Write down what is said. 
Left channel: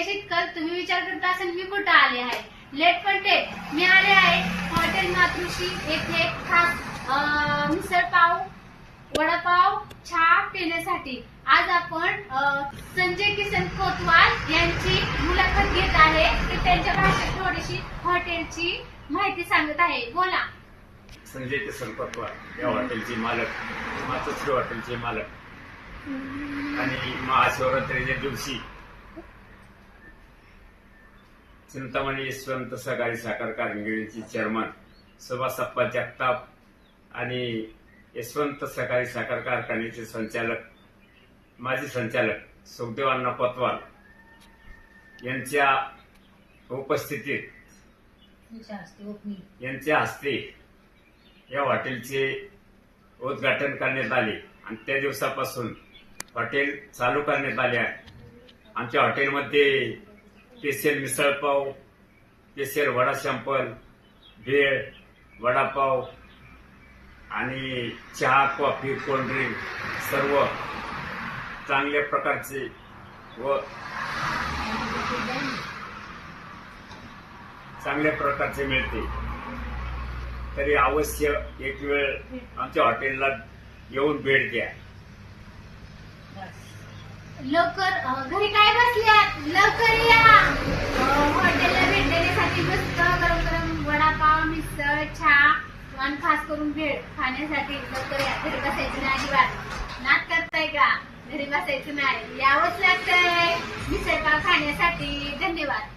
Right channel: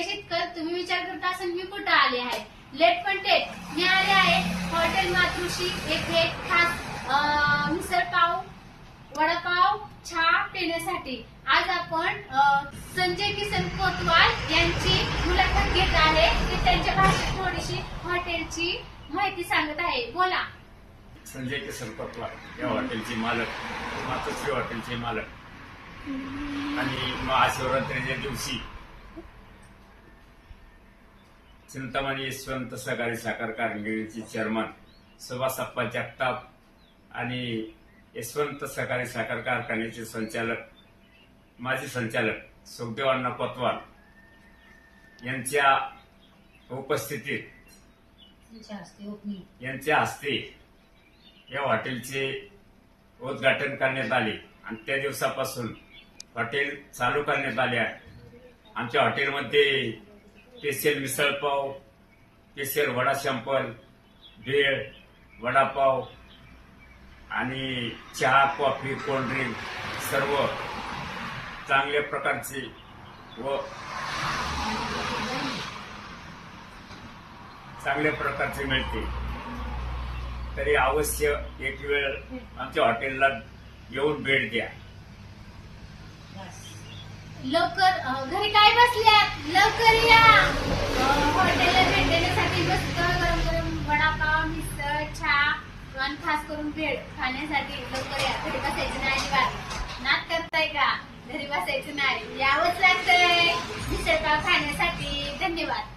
काही शेतकर तुम्ही विचार करत असाल मी कुठं आले आहे. लेट पण टेट मी आले आहे हॉटेल मातृश्री येथे खास मिसळ पाव वडापाव चहा पिण्यासाठी. आज आपण संजय किसन कोतवाल यांची मुलाखत घेत आहे. ते त्यांच्या भाषेत थोडीशी हॉटेलची माहिती सांगत आहे. बोला. संजय किसन कोतवाल या हॉटेलचे मालक, मातोश्री हॉटेलचे मालक आणि महाशिवरात्रीच्या दिवशी चिंतामणी यशवंत सहकारी साखर कारखान्याचे चेअरमन सुभाष जगताप आणि यशवंत सहकारी साखर कारखान्याचे संचालक माजी संचालक सुखदेव अण्णा कोतवाल यांच्या उपस्थितीत यांच्या हस्ते या हॉटेलचे उद्घाटन करण्यात आले आणि त्या दिवसापासून हॉटेल चालू करण्यात आले आहे. आमच्या हॉटेलमध्ये special misal pav, special vada sample, bhel, vada pav आणि चहा, कॉफी, कोल्ड्रिंक सर्व चांगल्या प्रकारचे व चांगल्या प्रकारचे मिळते. तरी अवश्य एक वेळ आमच्या हॉटेलला येऊन भेट द्या. लवकर घरी काय बसल्यात, लवकर या हॉटेलला भेट देण्यासाठी. मस्त गरम गरम वडापाव, मिसळ, चहा आणि खास करून भेळ खाण्यासाठी लवकर या. घरी बसायचं नाही अजिबात. नाद करताय का? घरी बसायचं नाही, यावंच लागतंय मिसळपाव खाण्यासाठी. धन्यवाद.